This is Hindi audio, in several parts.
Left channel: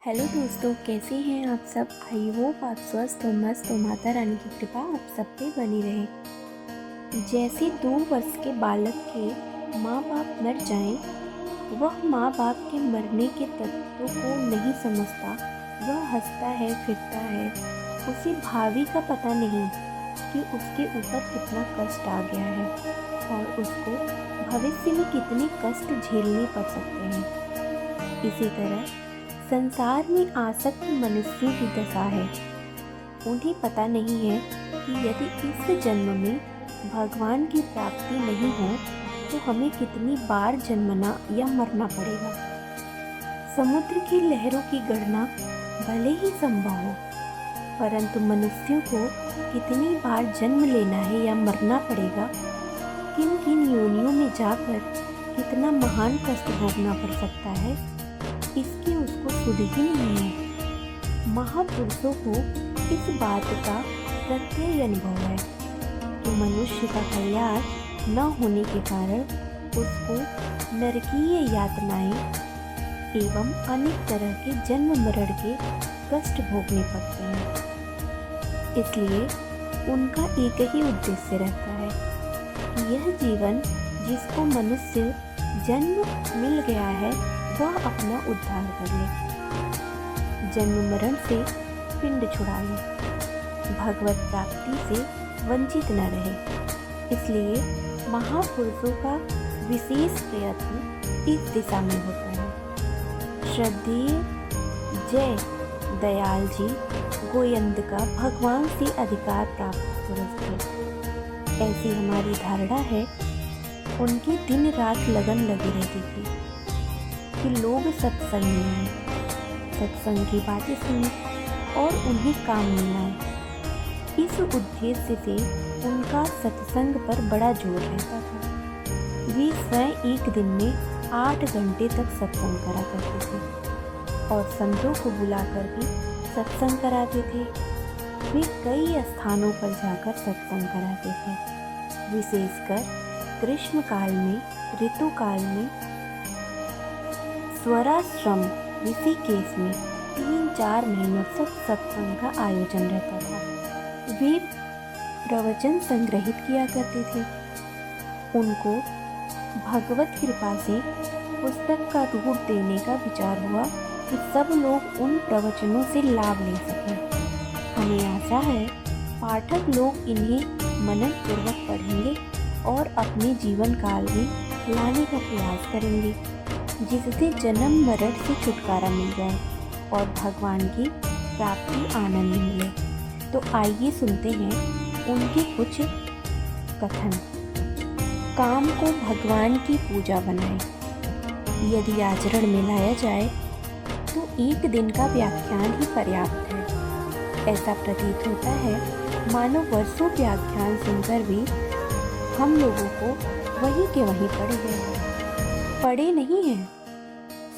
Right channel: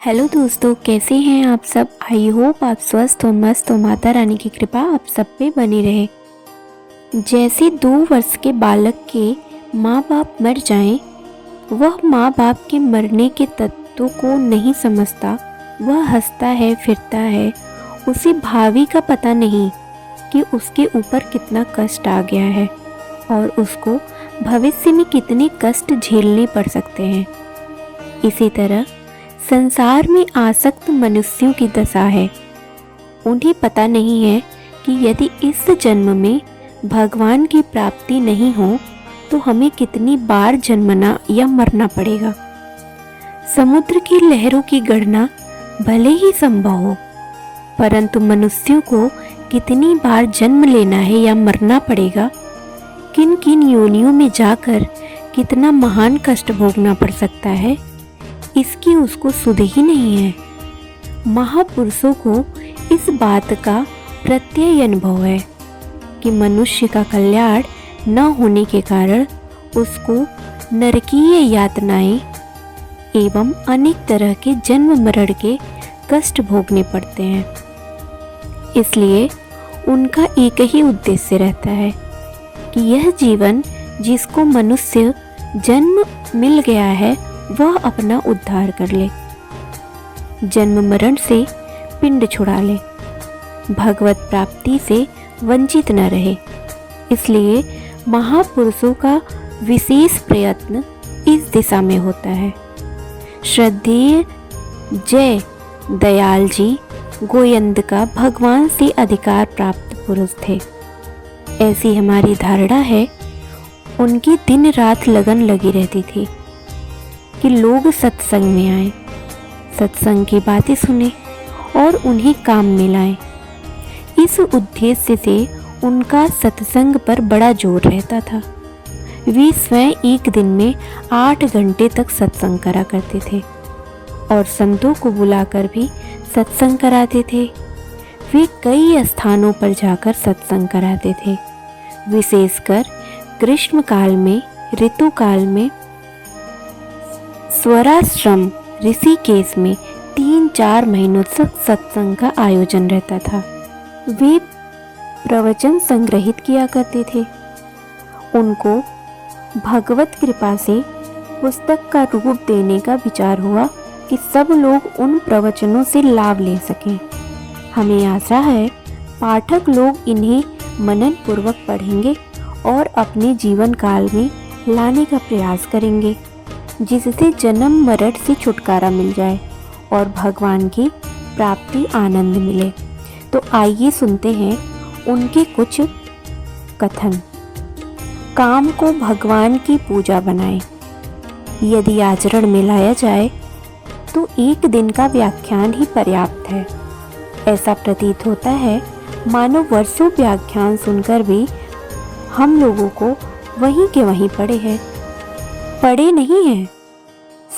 हेलो दोस्तों, कैसे हैं आप सब। आई होप आप स्वस्थ हो, मस्त हो। माता रानी की कृपा आप सब पे बनी रहे। जैसे 2 वर्ष के बालक के माँ बाप मर जाएं, वह माँ बाप के मरने के तत्वों को नहीं समझता। वह हंसता है, फिरता है। उसे भावी का पता नहीं कि उसके ऊपर कितना कष्ट आ गया है और उसको भविष्य में कितने कष्ट झेलने पड़ सकते हैं। इसी तरह संसार में आसक्त मनुष्यों की दशा है। उन्हें पता नहीं है कि यदि इस जन्म में भगवान की प्राप्ति नहीं हो तो हमें कितनी बार जन्मना या मरना पड़ेगा। समुद्र की लहरों की गणना भले ही संभव हो, परंतु मनुष्यों को कितनी बार जन्म लेना है या मरना पड़ेगा, किन किन योनियों में जाकर कितना महान कष्ट भोगना पड़ सकता है, इसकी उसको सुध ही नहीं है। महापुरुषों को इस बात का प्रत्यय अनुभव है कि मनुष्य का कल्याण न होने के कारण उसको नरकीय यातनाएं एवं अनेक तरह के जन्म मरण के कष्ट भोगने पड़ते हैं। इसलिए उनका एक ही उद्देश्य रहता है कि यह जीवन जिसको मनुष्य जन्म मिल गया है वह अपना उद्धार कर ले, जन्म मरण से पिंड छुड़ा ले, भगवत प्राप्ति से वंचित न रहे। इसलिए महापुरुषों का विशेष प्रयत्न इस दिशा में होता है। श्रद्धेय जय दयाल जी गोयंद का भगवान से अधिकार प्राप्त पुरुष थे, ऐसी हमारी धारणा है। उनकी दिन रात लगन लगी रहती थी कि लोग सत्संग में आए, सत्संग की बातें सुने और उन्हें काम में लाएं। इस उद्देश्य से उनका सत्संग पर बड़ा जोर रहता था। वे स्वयं एक दिन में 8 घंटे तक सत्संग करा करते थे और संतों को बुलाकर भी सत्संग कराते थे। वे कई स्थानों पर जाकर सत्संग कराते थे। विशेषकर ग्रीष्म काल में, ऋतु काल में स्वराश्रम ऋषिकेश में 3-4 महीनों तक सत्संग का आयोजन रहता था। वे प्रवचन संग्रहित किया करते थे। उनको भगवत कृपा से पुस्तक का रूप देने का विचार हुआ कि सब लोग उन प्रवचनों से लाभ ले सकें। हमें आशा है पाठक लोग इन्हें मनन पूर्वक पढ़ेंगे और अपने जीवन काल में लाने का प्रयास करेंगे, जिससे जन्म मरण से छुटकारा मिल जाए और भगवान की प्राप्ति आनंद मिले। तो आइए सुनते हैं उनके कुछ कथन। काम को भगवान की पूजा बनाएं। यदि आचरण में लाया जाए तो एक दिन का व्याख्यान ही पर्याप्त है। ऐसा प्रतीत होता है मानो वर्षों व्याख्यान सुनकर भी हम लोगों को वहीं के वहीं पड़े हैं। पड़े नहीं हैं।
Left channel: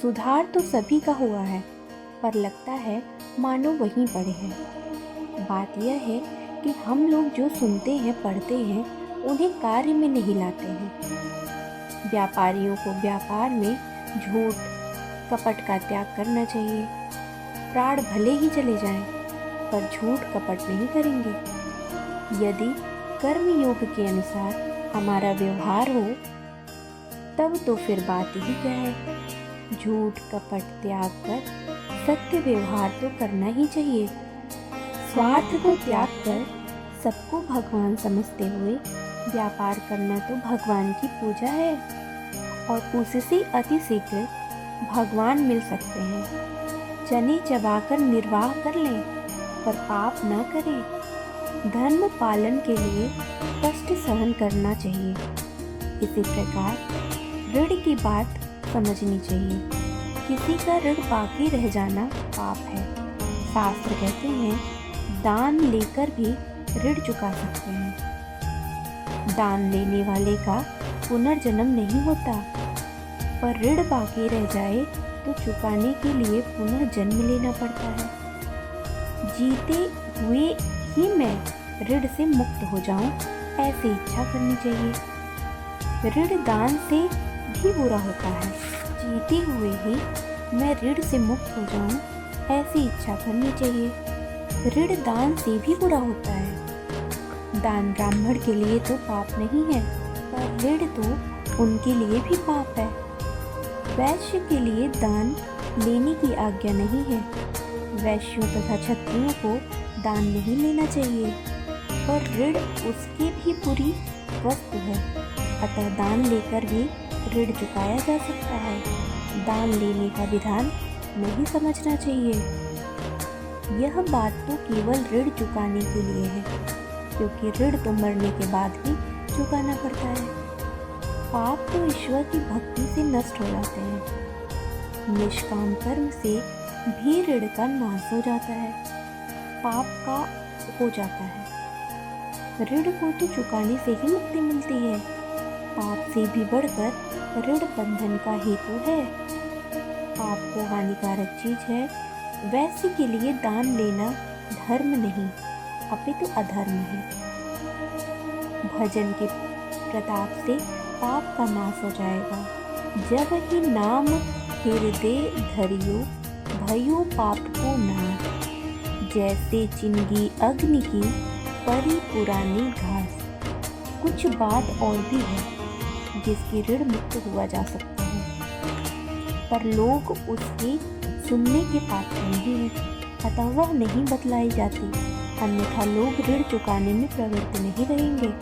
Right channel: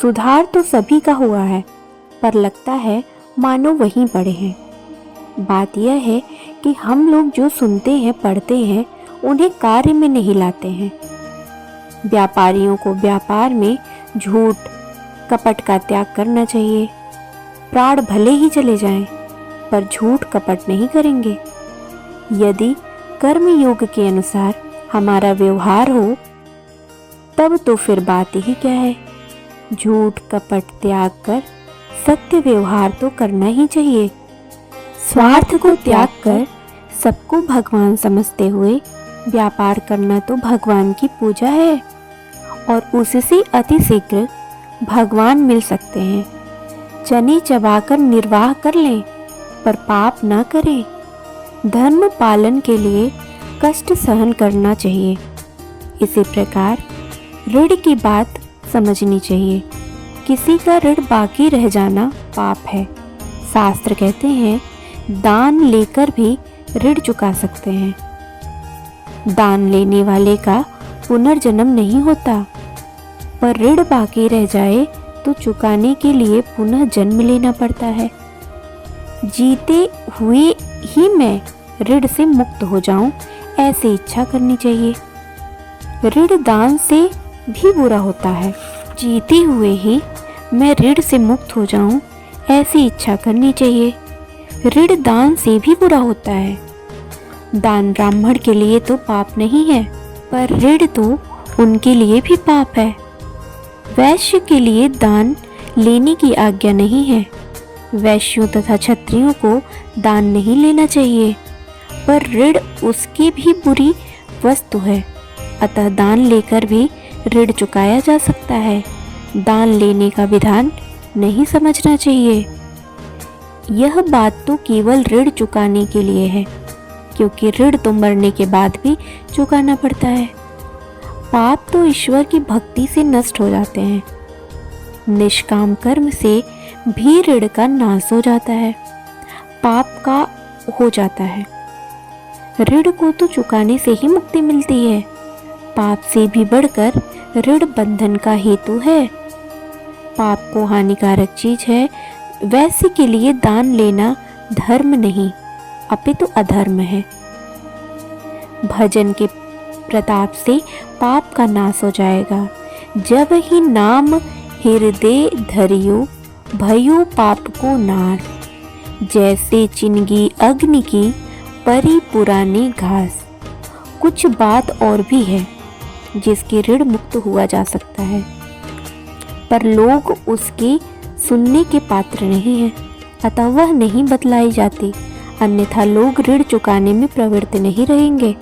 सुधार तो सभी का हुआ है, पर लगता है मानो वहीं पड़े हैं। बात यह है कि हम लोग जो सुनते हैं, पढ़ते हैं, उन्हें कार्य में नहीं लाते हैं। व्यापारियों को व्यापार में झूठ कपट का त्याग करना चाहिए। प्राण भले ही चले जाएं, पर झूठ कपट नहीं करेंगे। यदि कर्म योग के अनुसार हमारा व्यवहार हो तब तो फिर बात ही क्या है। झूठ कपट त्याग कर सत्य व्यवहार तो करना ही चाहिए। स्वार्थ को त्याग कर सबको भगवान समझते हुए व्यापार करना तो भगवान की पूजा है और उससे अति शीघ्र भगवान मिल सकते हैं। चने चबाकर निर्वाह कर लें, पर पाप ना करें। धर्म पालन के लिए कष्ट सहन करना चाहिए। इसी प्रकार ऋण की बात समझनी चाहिए। किसी का ऋण बाकी रह जाना पाप है। शास्त्र कहते हैं दान लेकर भी ऋण चुका सकते हैं। दान लेने वाले का पुनर्जन्म नहीं होता, पर ऋण बाकी रह जाए तो चुकाने के लिए पुनः जन्म लेना पड़ता है। जीते हुए ही मैं ऋण से मुक्त हो जाऊं, ऐसी इच्छा करनी चाहिए। ऋण दान से भी बुरा होता है। जीते हुए ही मैं ऋण से मुक्त हो जाऊं, ऐसी इच्छा करनी चाहिए। ऋण दान से भी बुरा होता है। दान ब्राह्मण के लिए तो पाप नहीं है, पर ऋण तो उनके लिए भी पाप है। वैश्य के लिए दान लेने की आज्ञा नहीं है। वैश्यों तथा क्षत्रियों को दान नहीं लेना चाहिए, पर ऋण उसकी भी बुरी वस्तु है। अतः दान लेकर भी ऋण चुकाया जा सकता है। दान लेने का विधान नहीं समझना चाहिए। यह बात तो केवल ऋण चुकाने के लिए है, क्योंकि ऋण तो मरने के बाद भी चुकाना पड़ता है। पाप तो ईश्वर की भक्ति से नष्ट हो जाते हैं। निष्काम कर्म से भी ऋण का नाश हो जाता है, पाप का हो जाता है। ऋण को तो चुकाने से ही मुक्ति मिलती है। पाप से भी बढ़कर ऋण बंधन का हेतु है। पाप को हानिकारक चीज है। वैसे के लिए दान लेना धर्म नहीं, अपितु अधर्म है। भजन के प्रताप से पाप का नाश हो जाएगा। जब ही नाम हृदय धरियो, भयो पाप को नार। जैसे चिनगी अग्नि की, परी पुरानी घास। कुछ बात और भी है जिसके ऋण मुक्त हुआ जा सकता है, पर लोग उसके सुनने के पात्र नहीं हैं, अतः वह नहीं बतलाई जाती। अन्यथा लोग ऋण चुकाने में प्रवृत्त नहीं रहेंगे।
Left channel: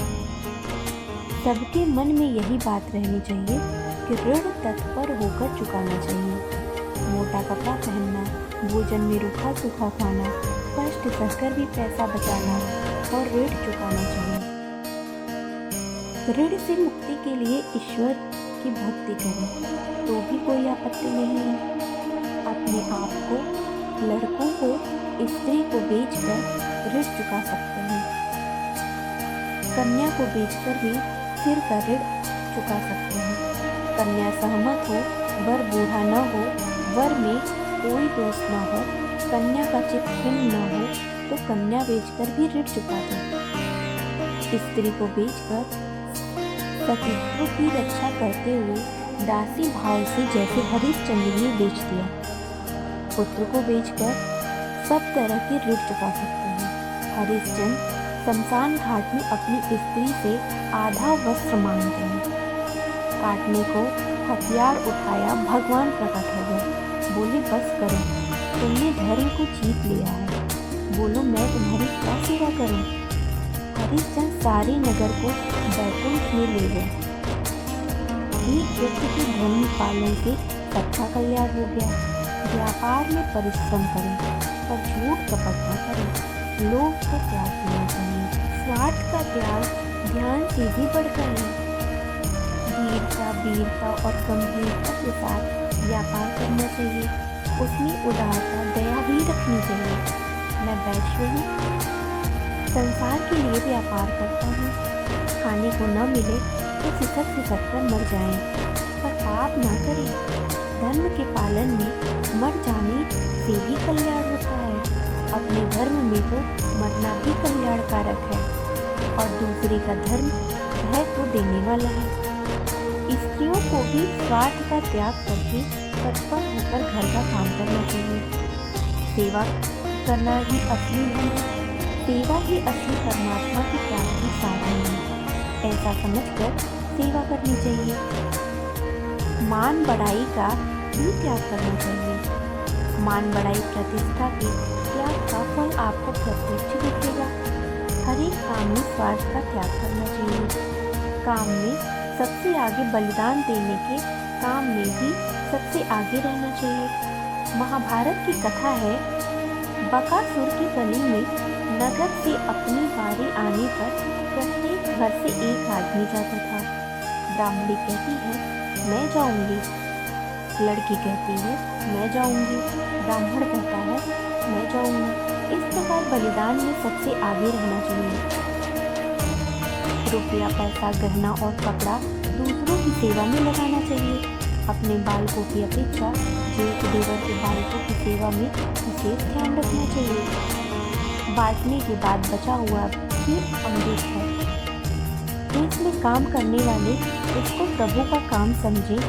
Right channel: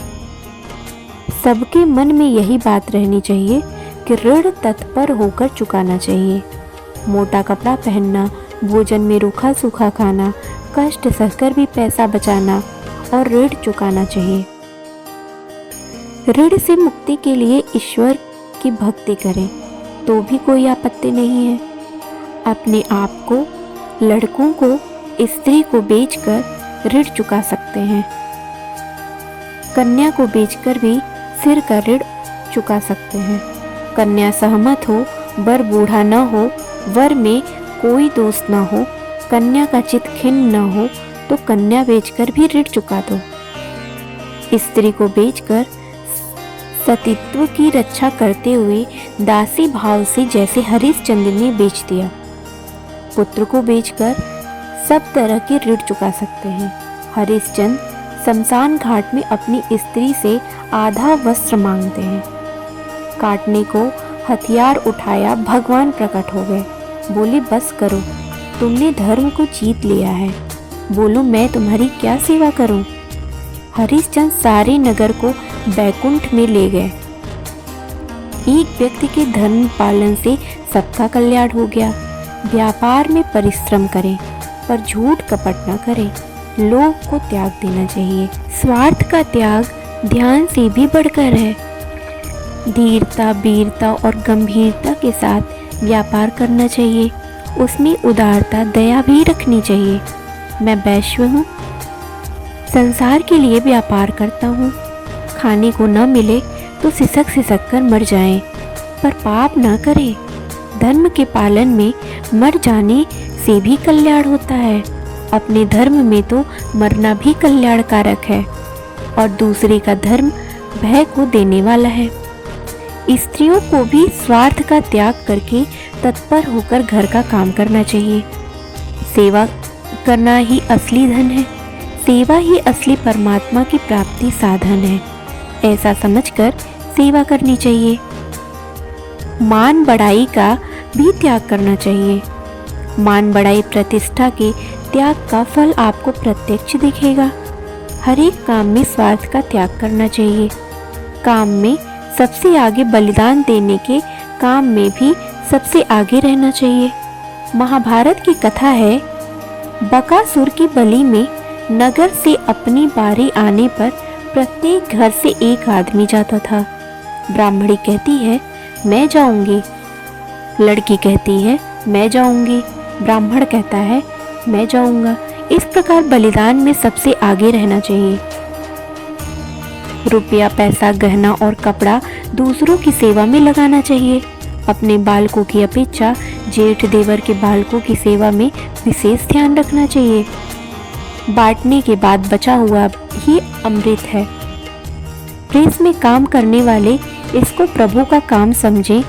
सबके मन में यही बात रहनी चाहिए कि ऋण तत्पर होकर चुकाना चाहिए। मोटा कपड़ा पहनना, भोजन में रूखा सूखा खाना, कष्ट सहकर भी पैसा बचाना और ऋण चुकाना चाहिए। ऋण से मुक्ति के लिए ईश्वर की भक्ति करें तो भी कोई आपत्ति नहीं है। अपने आप को, लड़कों को, स्त्री को बेचकर ऋण चुका सकते हैं। कन्या को बेचकर भी सिर का ऋण चुका सकते हैं। कन्या सहमत हो, वर बूढ़ा न हो, वर में कोई दोष न हो, कन्या का चित्त खिन्न न हो, तो कन्या बेचकर भी ऋण चुका दो। स्त्री को बेचकर सतीत्व की रक्षा करते हुए दासी भाव से जैसे हरिश्चंद्र ने बेच दिया। पुत्र को बेचकर सब तरह के ऋण चुका सकते हैं। हरिश्चंद्र शमशान घाट में अपनी स्त्री से आधा वस्त्र मांगते हैं। काटने को हथियार उठाया, भगवान प्रकट हो गए। बोले बस करो, तुमने धर्म को जीत लिया है। बोलो मैं तुम्हारी क्या सेवा करूं? हरिश्चंद्र सारे नगर को बैकुंठ में ले गए। एक व्यक्ति के धर्म पालन से सबका कल्याण हो गया। व्यापार में परिश्रम करें, पर झूठ कपट न करें। लोभ को त्याग देना चाहिए। स्वार्थ का त्याग ध्यान से भी बढ़कर है। धीरता, वीरता और गंभीरता के साथ व्यापार करना चाहिए। उसमें उदारता, दया भी रखनी चाहिए। मैं वैश्य हूँ, संसार के लिए व्यापार करता हूँ। खाने को न मिले तो सिसक कर मर जाएं, पर पाप न करें। धर्म के पालन में मर जाने से भी कल्याण होता है। अपने धर्म में तो मरना भी कल्याणकारक है, और दूसरे का धर्म भय को देने वाला है। स्त्रियों को भी स्वार्थ का त्याग करके तत्पर होकर घर का काम करना चाहिए। सेवा करना ही असली धन है। सेवा ही असली परमात्मा की प्राप्ति साधन है। ऐसा समझकर सेवा करनी चाहिए। मान बढ़ाई का भी त्याग करना चाहिए। मान बढ़ाई प्रतिष्ठा के त्याग का फल आपको प्रत्यक्ष दिखेगा। हर एक काम में स्वार्थ का त्याग करना चाहिए। काम में सबसे आगे बलिदान देने के काम में भी सबसे आगे रहना चाहिए। महाभारत की कथा है, बकासुर की बलि में नगर से अपनी बारी आने पर प्रत्येक घर से एक आदमी जाता था। ब्राह्मणी कहती है मैं जाऊंगी, लड़की कहती है मैं जाऊंगी, ब्राह्मण कहता है मैं जाऊंगा। इस प्रकार बलिदान में सबसे आगे रहना चाहिए। रुपया, पैसा, गहना और कपड़ा दूसरों की सेवा में लगाना चाहिए। अपने बालकों की अपेक्षा जेठ देवर के बालकों की सेवा में विशेष ध्यान रखना चाहिए। बांटने के बाद बचा हुआ ही अमृत है। प्रेस में काम करने वाले इसको प्रभु का काम समझें,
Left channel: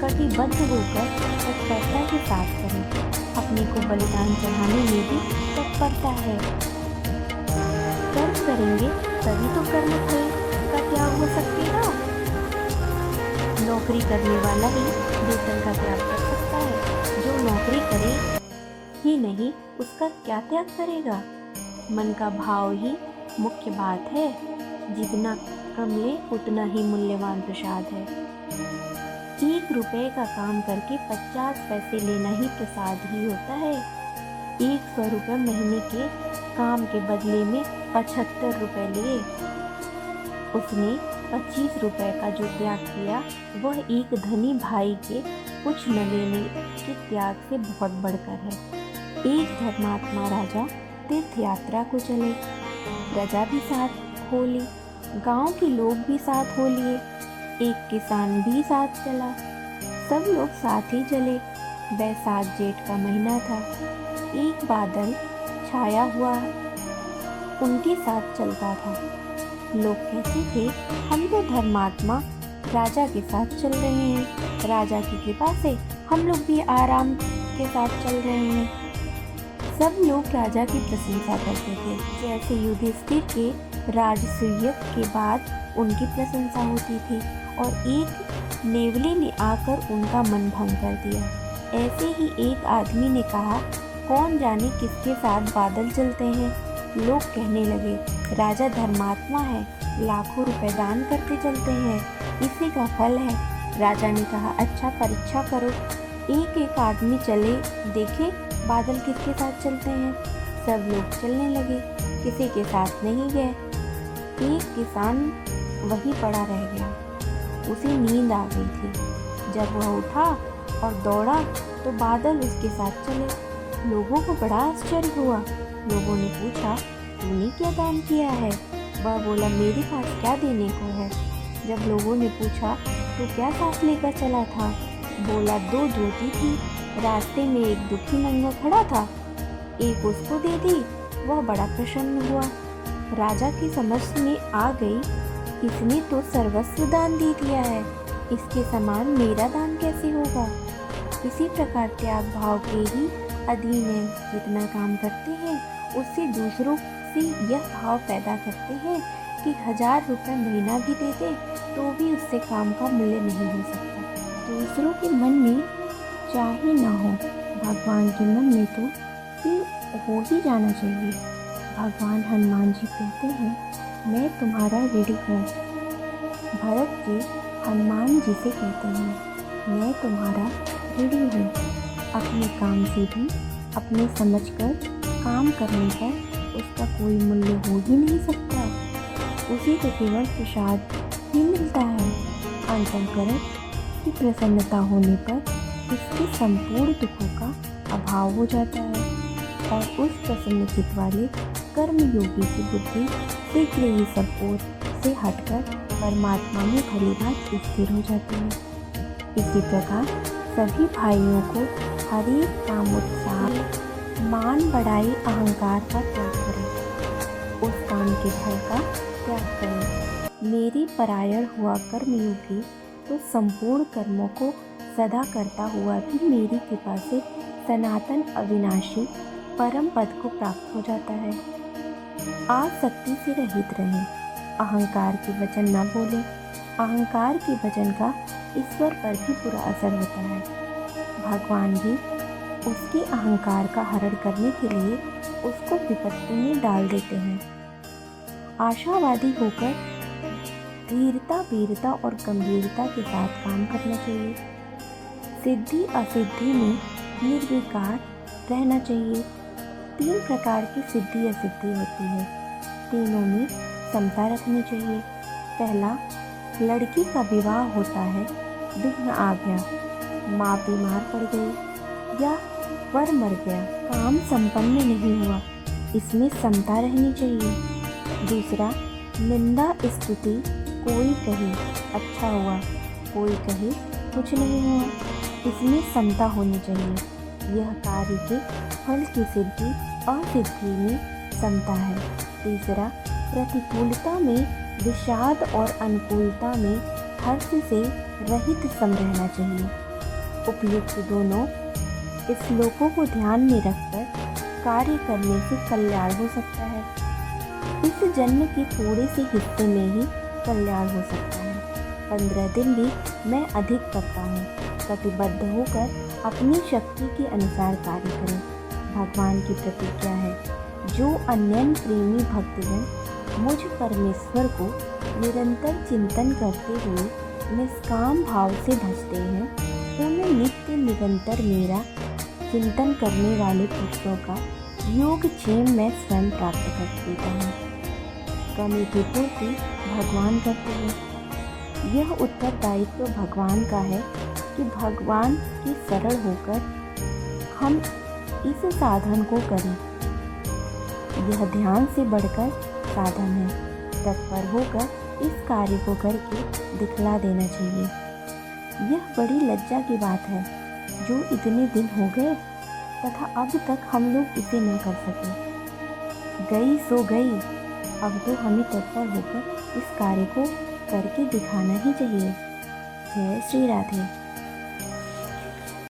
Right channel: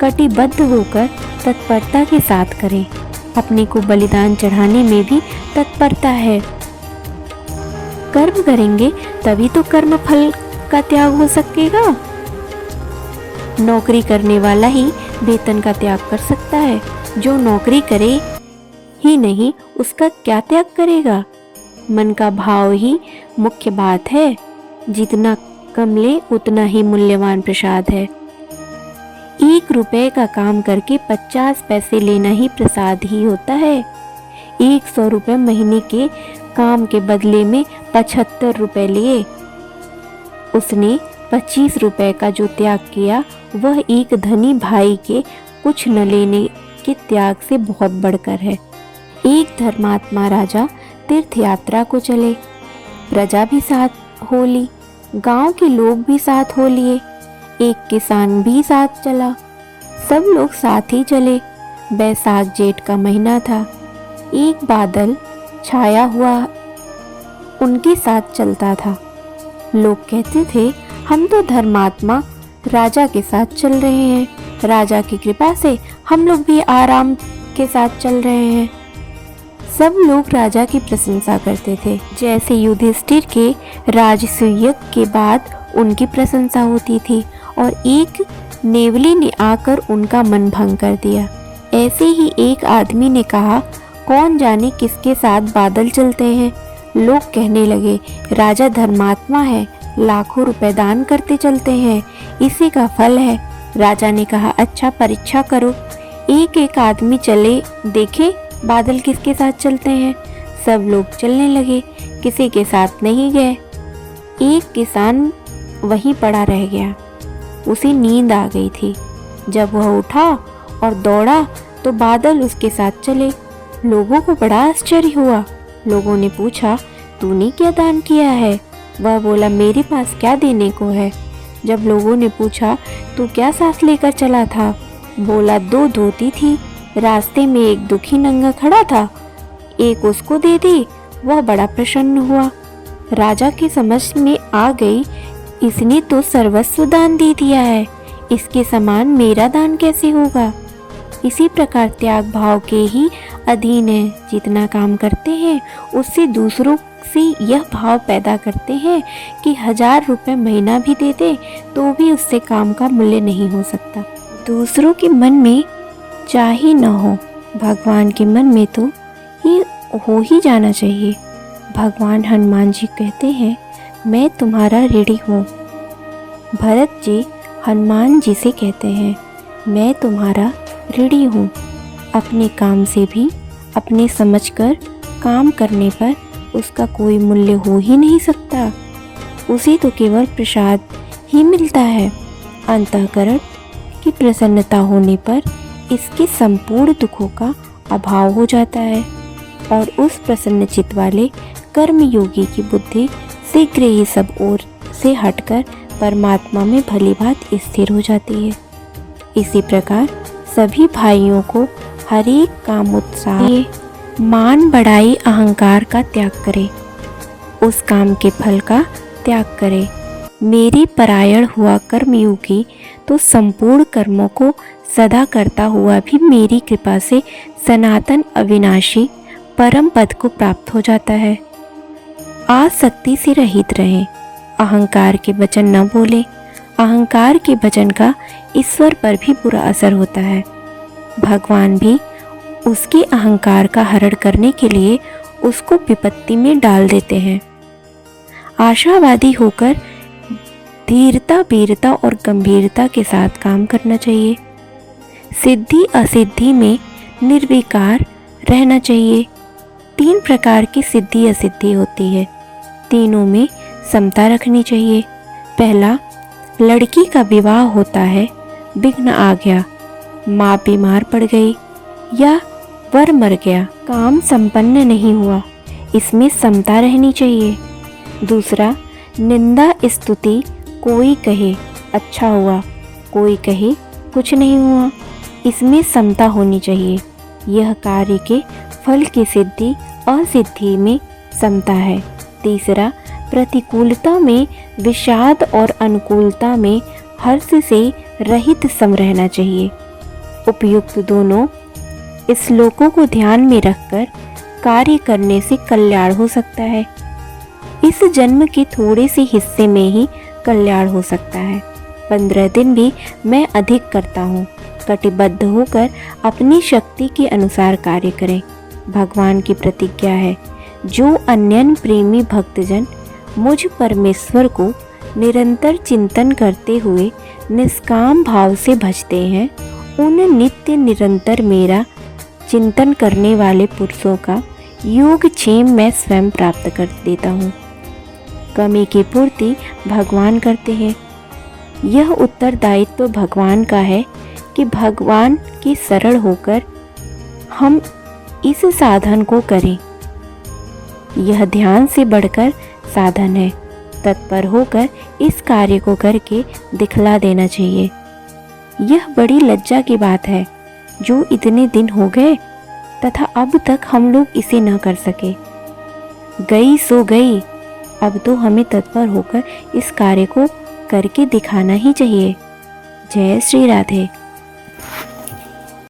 कटिबद्ध होकर तत्परता के साथ करें। अपने को बलिदान चढ़ाने में भी तत्परता है। कर्म करेंगे तभी तो कर्म फल का त्याग हो सकेगा। नौकरी करने वाला ही वेतन का त्याग कर सकता है, जो नौकरी करे ही नहीं उसका क्या त्याग करेगा। मन का भाव ही मुख्य बात है। जितना कम ले उतना ही मूल्यवान प्रसाद है। 1 रुपए का काम करके 50 पैसे लेना ही प्रसाद ही होता है। 100 रुपए महीने के काम के बदले में 75 रुपए लिए। उसने 25 रुपए का जो त्याग किया वह एक धनी भाई के कुछ न लेने के त्याग से बहुत बढ़कर है। एक धर्मात्मा राजा तीर्थ यात्रा को चले, प्रजा भी साथ हो ली, गांव के लोग भी साथ हो लिए, एक किसान भी साथ चला। सब लोग साथ ही चले। बैसाख जेठ का महीना था। एक बादल छाया हुआ उनके साथ चलता था। लोग कहते थे, हम तो धर्मात्मा राजा के साथ चल रहे हैं, राजा की कृपा से हम लोग भी आराम के साथ चल रहे हैं। सब लोग राजा की प्रशंसा करते थे, जैसे युधिष्ठिर के राजसूय के बाद उनकी प्रशंसा होती थी और एक नेवले ने आकर उनका मन भंग कर दिया। ऐसे ही एक आदमी ने कहा, कौन जाने किसके साथ बादल चलते हैं। लोग कहने लगे, राजा धर्मात्मा है, लाखों रुपए दान करते चलते हैं, इसी का फल है। राजा ने कहा, अच्छा परीक्षा करो, एक एक आदमी चले देखे बादल किसके साथ चलते हैं। सब लोग चलने लगे, किसी के साथ नहीं गए। एक किसान वहीं पड़ा रह गया। उसे नींद आ गई थी। जब वह उठा और दौड़ा तो बादल उसके साथ चले। लोगों को बड़ा आश्चर्य हुआ। लोगों ने पूछा, तूने क्या दान किया है? वह बोला, मेरे पास क्या देने को है। जब लोगों ने पूछा, तू क्या साथ लेकर चला था? बोला, 2 धोती थी, रास्ते में एक दुखी नंगा खड़ा था, एक उसको दे दी। वह बड़ा प्रसन्न हुआ। राजा की समझ में आ गई, इसने तो सर्वस्व दान दे दिया है, इसके समान मेरा दान कैसे होगा। इसी प्रकार त्याग भाव के ही अधीन है। जितना काम करते हैं उससे दूसरों से यह भाव पैदा करते हैं कि 1000 रुपये महीना भी दे दे तो भी उससे काम का मूल्य नहीं हो सकता। दूसरों के मन में चाहे न हो, भगवान के मन में तो ये हो ही जाना चाहिए। भगवान हनुमान जी कहते हैं, मैं तुम्हारा ऋणी हूँ। भरत जी हनुमान जी से कहते हैं, मैं तुम्हारा ऋणी हूँ। अपने काम से भी अपने समझकर काम करने पर उसका कोई मूल्य हो ही नहीं सकता। उसे तो केवल प्रसाद ही मिलता है। अंतःकरण की प्रसन्नता होने पर इसके संपूर्ण दुखों का अभाव हो जाता है और उस प्रसन्न चित्त वाले कर्मयोगी की बुद्धि शीघ्र ही सब ओर से हटकर परमात्मा में भली भांति स्थिर हो जाती है। इसी प्रकार सभी भाइयों को हर एक काम उत्साह, मान बढ़ाई अहंकार का त्याग करे, उस काम के फल का त्याग करे। मेरे परायण हुआ कर्मयोगी तो संपूर्ण कर्मों को सदा करता हुआ भी मेरी कृपा से सनातन अविनाशी परम पद को प्राप्त हो जाता है। आसक्ति से रहित रहें, अहंकार के वचन न बोले। अहंकार के वचन का ईश्वर पर भी बुरा असर होता है। भगवान भी उसके अहंकार का हरण करने के लिए उसको विपत्ति में डाल देते हैं। आशावादी होकर धीरता, वीरता और गंभीरता के साथ काम करना चाहिए। सिद्धि असिद्धि में निर्विकार रहना चाहिए। 3 प्रकार की सिद्धि असिद्धि होती है, तीनों में समता रखनी चाहिए। पहला, लड़की का विवाह होता है, विघ्न आ गया, माँ बीमार पड़ गई या वर मर गया, काम संपन्न नहीं हुआ, इसमें समता रहनी चाहिए। दूसरा, निंदा स्तुति, कोई कहे अच्छा हुआ, कोई कहे कुछ नहीं हुआ, इसमें समता होनी चाहिए। यह कार्य के फल की सिद्धि असिद्धि में समता है। तीसरा, प्रतिकूलता में विषाद और अनुकूलता में हर्ष से रहित सम रहना चाहिए। उपयुक्त दोनों श्लोकों को ध्यान में रखकर कार्य करने से कल्याण हो सकता है। इस जन्म के थोड़े से हिस्से में ही कल्याण हो सकता है। 15 दिन भी मैं अधिक करता हूँ। कटिबद्ध होकर अपनी शक्ति के अनुसार कार्य करें। भगवान की प्रतिज्ञा है, जो अन्यन प्रेमी भक्तजन मुझ परमेश्वर को निरंतर चिंतन करते हुए निष्काम भाव से भजते हैं, उन नित्य निरंतर मेरा चिंतन करने वाले पुरुषों का योगक्षेम मैं स्वयं प्राप्त कर देता हूँ। कमी की पूर्ति भगवान करते हैं। यह उत्तरदायित्व भगवान का है कि भगवान के शरण होकर हम इस साधन को करें। यह ध्यान से बढ़कर साधन है। तत्पर होकर इस कार्य को करके दिखला देना चाहिए। यह बड़ी लज्जा की बात है जो इतने दिन हो गए तथा अब तक हम लोग इसे न कर सके। गई सो गई, अब तो हमें तत्पर होकर इस कार्य को करके दिखाना ही चाहिए। जय श्री राधे।